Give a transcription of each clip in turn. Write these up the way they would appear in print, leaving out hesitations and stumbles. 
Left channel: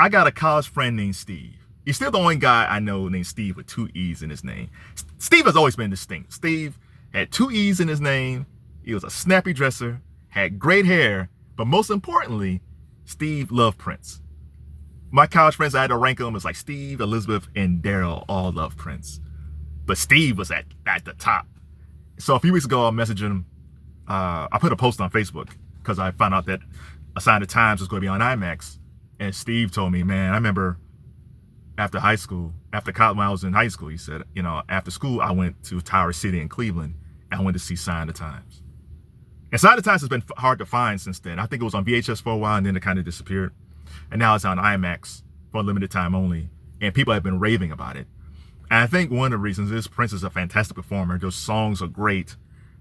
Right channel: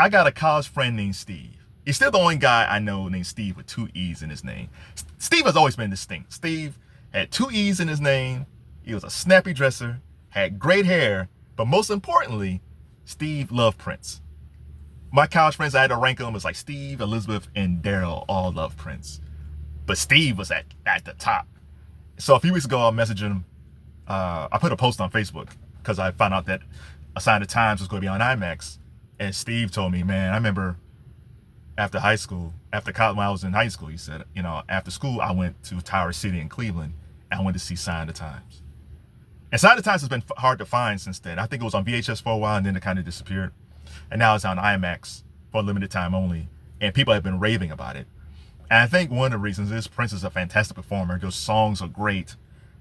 I got a college friend named Steve. He's still the only guy I know named Steve with 2 E's in his name. Steve has always been distinct. Steve had 2 E's in his name. He was a snappy dresser, had great hair, but most importantly, Steve loved Prince. My college friends, I had to rank them as like Steve, Elizabeth, and Daryl all loved Prince. But Steve was at the top. So a few weeks ago, I messaged him. I put a post on Facebook because I found out that A Sign of the Times was going to be on IMAX. And Steve told me, man, I remember after high school, after college, when I was in high school, he said, you know, after school, I went to Tower City in Cleveland and I went to see Sign of the Times. And Sign of the Times has been hard to find since then. I think it was on VHS for a while and then it kind of disappeared. And now it's on IMAX for a limited time only. And people have been raving about it. And I think one of the reasons is Prince is a fantastic performer. Those songs are great.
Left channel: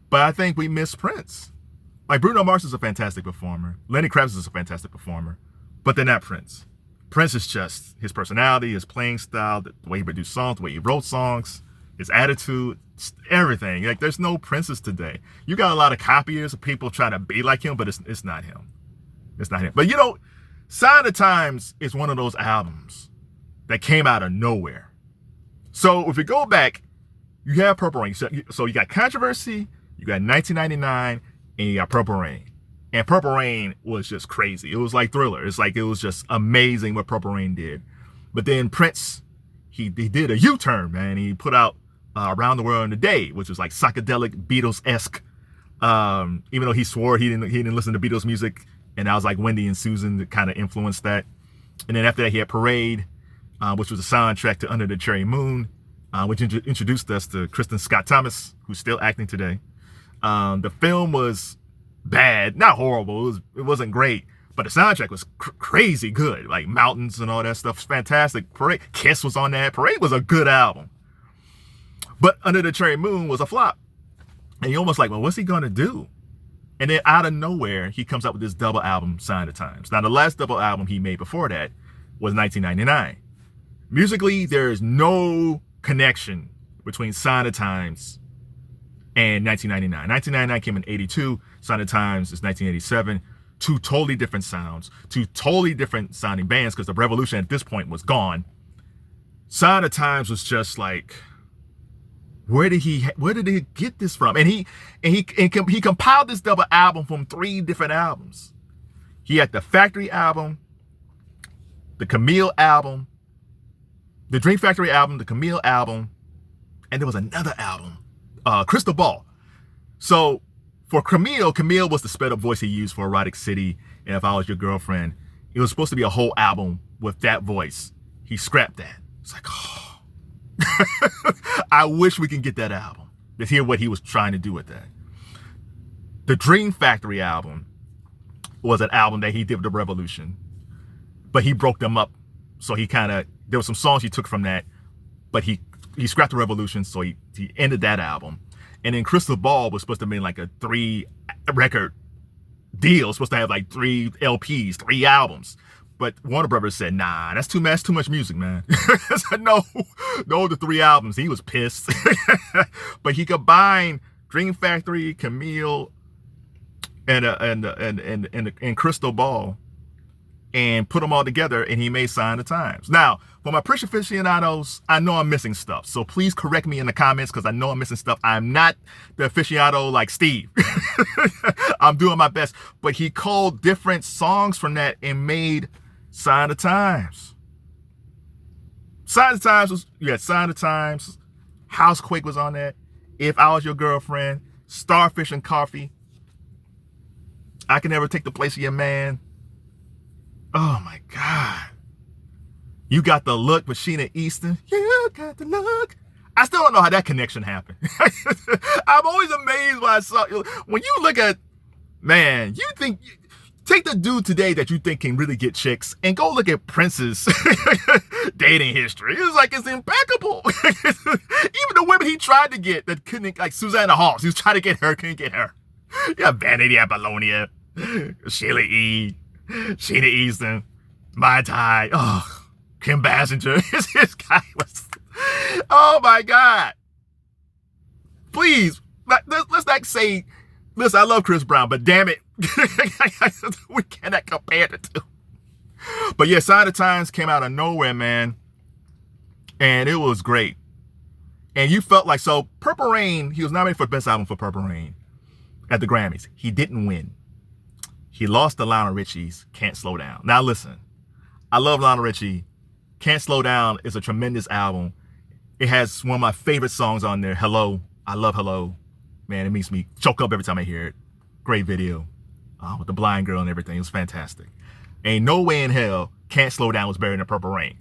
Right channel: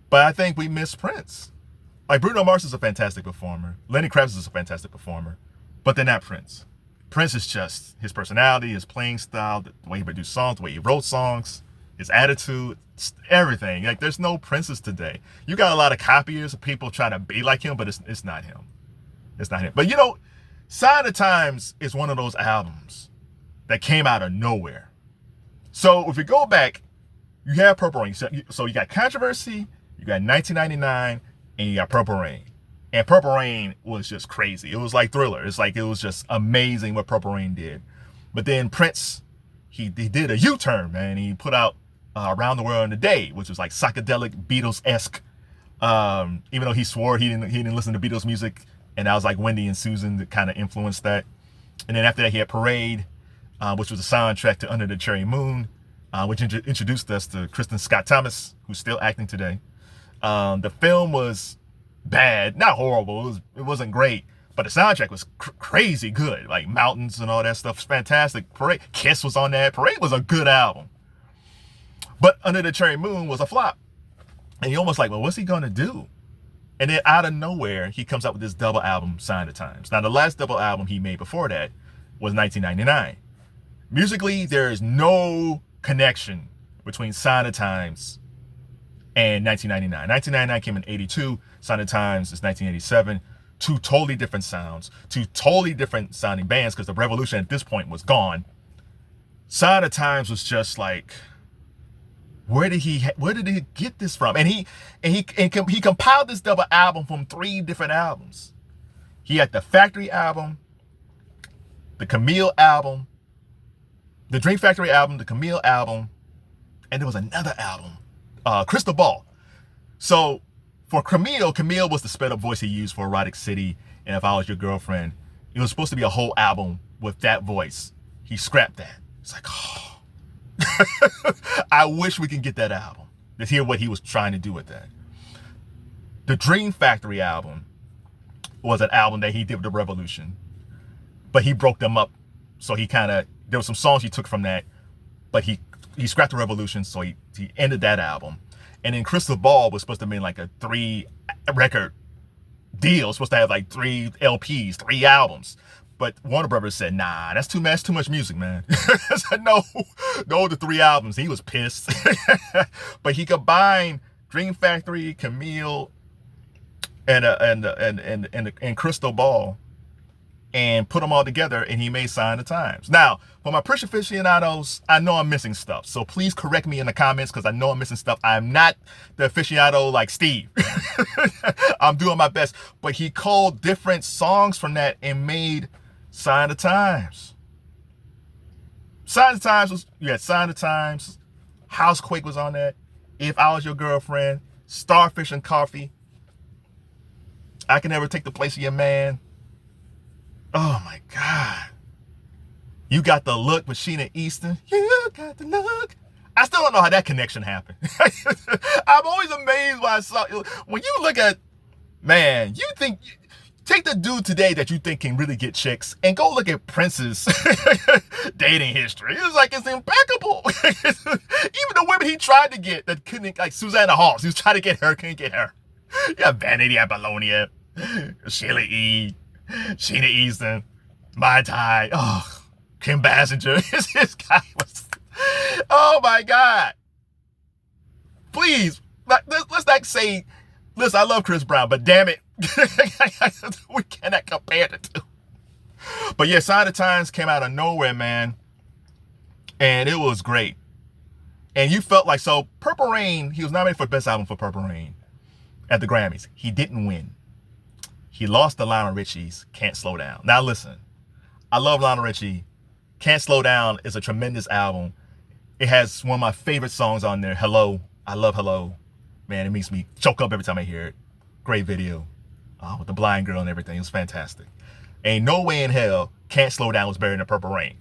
But I think we miss Prince. Like Bruno Mars is a fantastic performer. Lenny Kravitz is a fantastic performer. But they're not Prince. Prince is just his personality, his playing style, the way he produced songs, the way he wrote songs, his attitude, everything. Like there's no Princes today. You got a lot of copiers of people trying to be like him, but it's not him. It's not him. But you know, Sign of the Times is one of those albums that came out of nowhere. So if you go back, you have Purple Rain. So you got Controversy, you got 1999, and you got Purple Rain. And Purple Rain was just crazy. It was like Thriller. It's like it was just amazing what Purple Rain did. But then Prince, he did a U-turn, man. He put out Around the World in a Day, which was like psychedelic Beatles-esque. Even though he swore he didn't listen to Beatles music, and that was like Wendy and Susan that kind of influenced that. And then after that, he had Parade, which was a soundtrack to Under the Cherry Moon, which introduced us to Kristen Scott Thomas, who's still acting today. The film was bad, not horrible. It wasn't great, but the soundtrack was crazy good. Like Mountains and all that stuff was fantastic. Parade, Kiss was on that. Parade was a good album. But Under the Cherry Moon was a flop. And you're almost like, well, what's he gonna do? And then out of nowhere, he comes out with this double album, Sign of the Times. Now, the last double album he made before that was 1999. Musically, there is no connection between Sign of the Times and 1999. 1999 came in 82. Sign of the Times is 1987. 2 totally different sounds, 2 totally different sounding bands, because the Revolution at this point was gone. Sign of the Times was just like, where did he get this from? And he compiled this double album from 3 different albums. He had the Factory album, the Camille album, the Dream Factory album, the Camille album, and there was another album, Crystal Ball. So for Camille was the sped up voice he used for Erotic City and If I Was Your Girlfriend. It was supposed to be a whole album with that voice. He scrapped that. It's like, oh. I wish we can get that album to hear what he was trying to do with that. The Dream Factory album was an album that he did with the Revolution, but he broke them up. So there were some songs he took from that, but he scrapped the Revolution, so he ended that album. And then Crystal Ball was supposed to be like a 3-record deal. It was supposed to have like 3 LPs, 3 albums. But Warner Brothers said, nah, that's too much music, man. I said, no, the 3 albums. He was pissed. But he combined Dream Factory, Camille, and Crystal Ball, and put them all together, and he made Sign of the Times. Now, for my Prince aficionados, I know I'm missing stuff. So please correct me in the comments, because I know I'm missing stuff. I'm not the aficionado like Steve. I'm doing my best. But he called different songs from that and made Sign of the Times. Sign of the Times was, you had Sign of the Times, Housequake was on that, If I Was Your Girlfriend, Starfish and Coffee, I Can Never Take the Place of Your Man. Oh my God. You Got the Look with Sheena Easton. You got the look. I still don't know how that connection happened. I'm always amazed when I saw, when you look at, man, you think, take the dude today that you think can really get chicks and go look at Prince's dating history. It's like, it's impeccable. Even the women he tried to get that couldn't, like Susanna Hoffs, he was trying to get her, couldn't get her. You have Vanity Apollonia, Sheila E., Sheena Easton, Mai Tai, oh, Kim Basinger. This guy was, oh my God. Please, let's not say, listen, I love Chris Brown, but damn it, we cannot compare the two. But yeah, Sign of the Times came out of nowhere, man. And it was great. And you felt like, so Purple Rain, he was nominated for Best Album for Purple Rain at the Grammys. He didn't win. He lost to Lionel Richie's Can't Slow Down. Now listen, I love Lionel Richie. Can't Slow Down is a tremendous album. It has one of my favorite songs on there, Hello. I love Hello. Man, it makes me choke up every time I hear it. Great video with the blind girl and everything. It was fantastic. Ain't no way in hell Can't Slow Down was better than Purple Rain.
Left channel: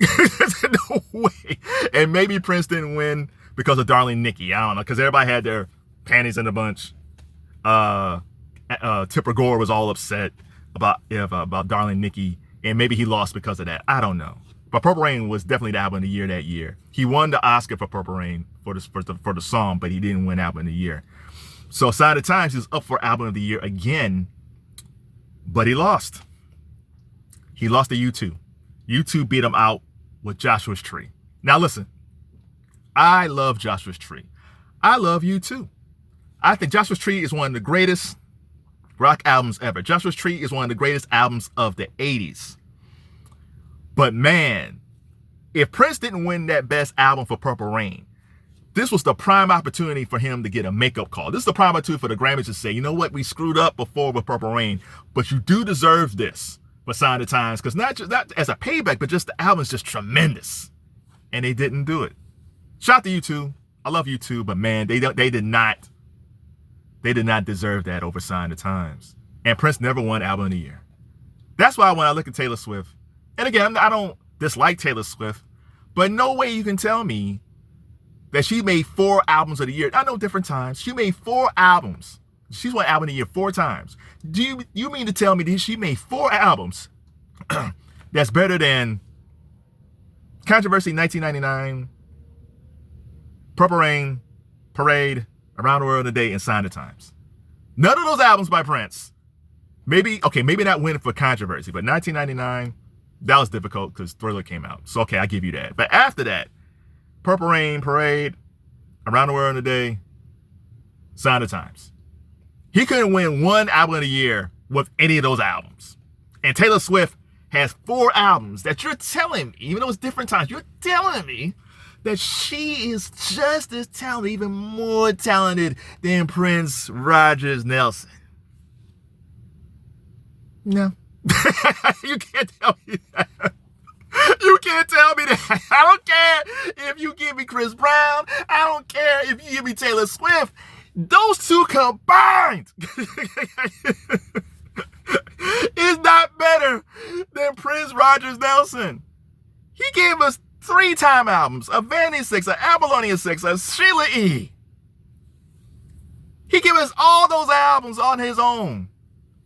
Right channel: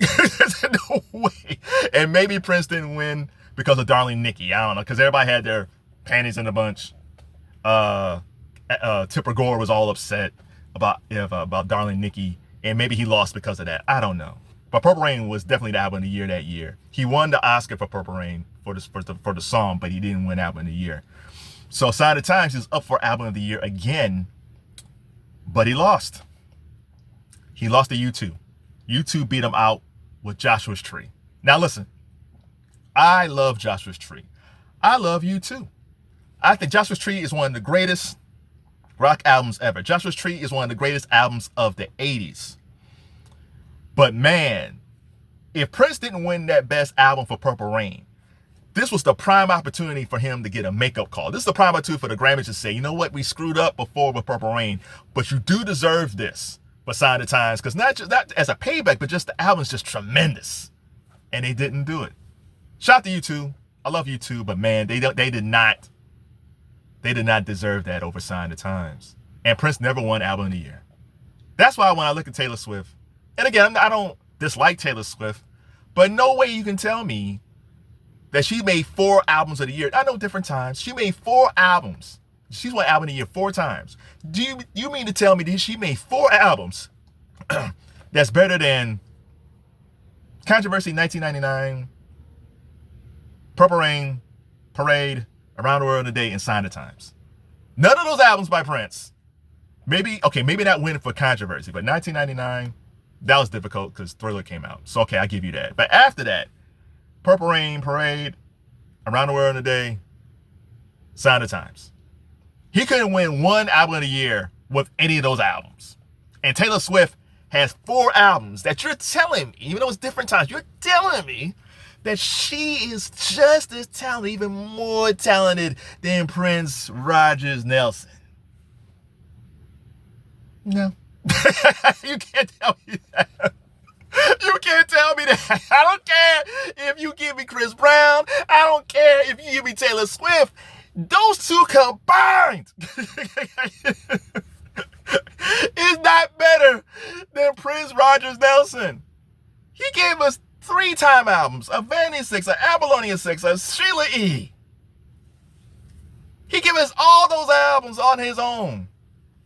No way. And maybe Prince didn't win because of Darling Nikki. I don't know, because everybody had their panties in a bunch. Tipper Gore was all upset about Darling Nikki, and maybe he lost because of that. I don't know. But Purple Rain was definitely the album of the year that year. He won the Oscar for Purple Rain for the song, but he didn't win album of the year. So Sign of the Times is up for album of the year again, but he lost. He lost to U2. U2 beat him out with Joshua's Tree. Now listen, I love Joshua's Tree. I love U2. I think Joshua's Tree is one of the greatest rock albums ever. Joshua's Tree is one of the greatest albums of the 80s. But man, if Prince didn't win that best album for Purple Rain, this was the prime opportunity for him to get a makeup call. This is the prime opportunity for the Grammys to say, you know what, we screwed up before with Purple Rain, but you do deserve this for Sign of the Times, because not as a payback, but just the album's just tremendous. And they didn't do it. Shout out to U2. I love U2, but man, they did not deserve that over Sign of the Times. And Prince never won album of the year. That's why when I look at Taylor Swift, and again, I don't dislike Taylor Swift, but no way you can tell me that she made 4 albums of the year. I know different times. She made 4 albums. She's won album of the year 4 times. Do you mean to tell me that she made 4 albums that's better than Controversy 1999, Purple Rain, Parade, Around the World in a Day, and Sign of the Times? None of those albums by Prince. Maybe not winning for Controversy, but 1999, that was difficult because Thriller came out. So, okay, I give you that. But after that, Purple Rain, Parade, Around the World in a Day, Sign of the Times. He couldn't win one album of the year with any of those albums. And Taylor Swift has 4 albums that you're telling me, even though it's different times, you're telling me that she is just as talented, even more talented than Prince Rogers Nelson. No. You can't tell me that. You can't tell me that. I don't care if you give me Chris Brown. I don't care if you give me Taylor Swift. Those two combined is not better than Prince Rogers Nelson. He gave us 3-time albums, a Vanity 6, a Abalone 6, a Sheila E. He gave us all those albums on his own.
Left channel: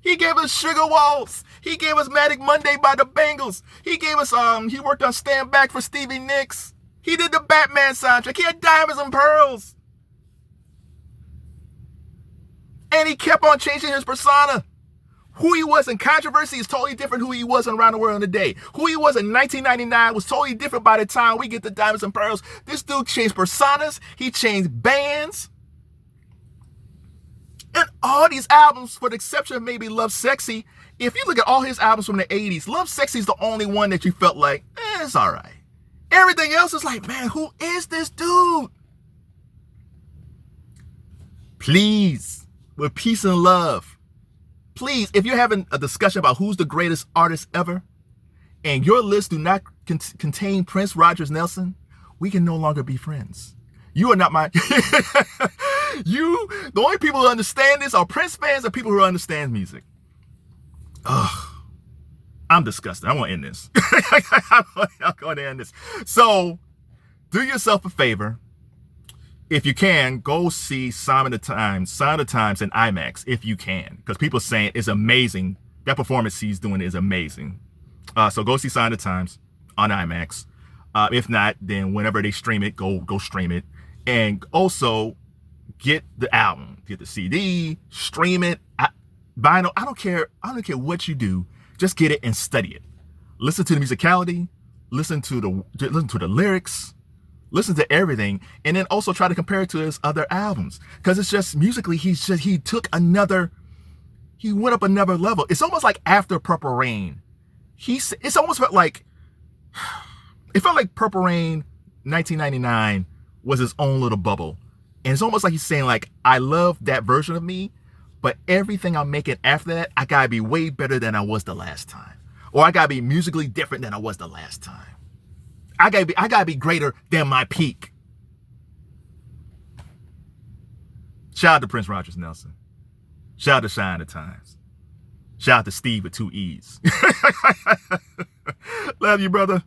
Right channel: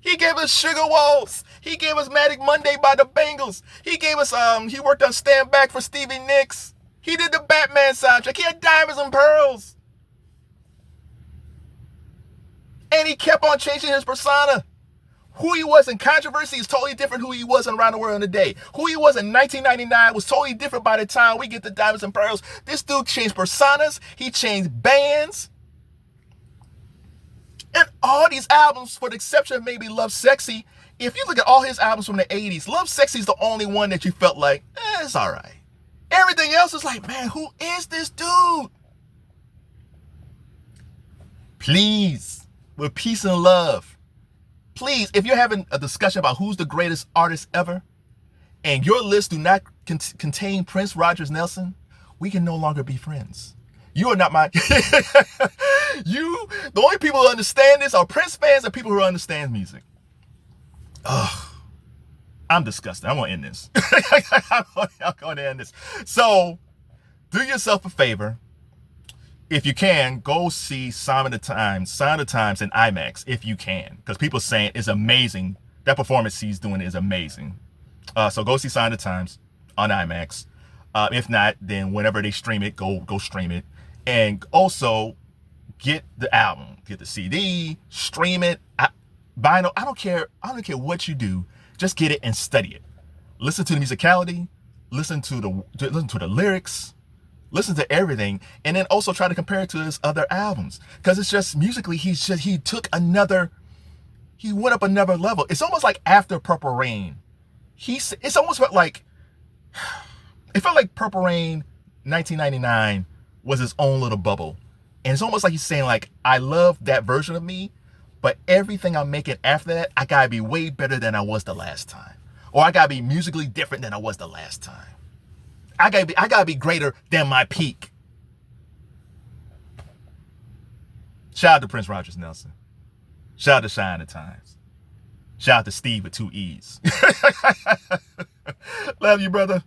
He gave us Sugar Waltz. He gave us Manic Monday by the Bengals. He gave us, he worked on Stand Back for Stevie Nicks. He did the Batman soundtrack. He had Diamonds and Pearls. And he kept on changing his persona. Who he was in Controversy is totally different who he was in Around the World in a Day. Who he was in 1999 was totally different by the time we get to Diamonds and Pearls. This dude changed personas. He changed bands. And all these albums, for the exception of maybe Love Sexy, if you look at all his albums from the 80s, Love Sexy is the only one that you felt like, it's all right. Everything else is like, man, who is this dude? Please, with peace and love, please, if you're having a discussion about who's the greatest artist ever, and your list do not contain Prince Rogers Nelson, we can no longer be friends. You are not my... The only people who understand this are Prince fans and people who understand music. Ugh. I'm disgusted. I want to end this. I'm going to end this. So, do yourself a favor. If you can, go see Sign of the Times in IMAX, if you can. Because people are saying it's amazing. That performance he's doing is amazing. So go see Sign of the Times on IMAX. If not, then whenever they stream it, go stream it. And also, get the album, get the CD, stream it, vinyl. I don't care what you do. Just get it and study it. Listen to the musicality. Listen to the lyrics. Listen to everything, and then also try to compare it to his other albums, because it's just musically he went up another level. It's almost like after Purple Rain, It's almost felt like, Purple Rain 1999 was his own little bubble. And it's almost like he's saying, like, I love that version of me, but everything I'm making after that, I gotta be way better than I was the last time. Or I gotta be musically different than I was the last time. I gotta be greater than my peak. Shout out to Prince Rogers Nelson. Shout out to Shine the Times. Shout out to Steve with 2 E's. Love you, brother.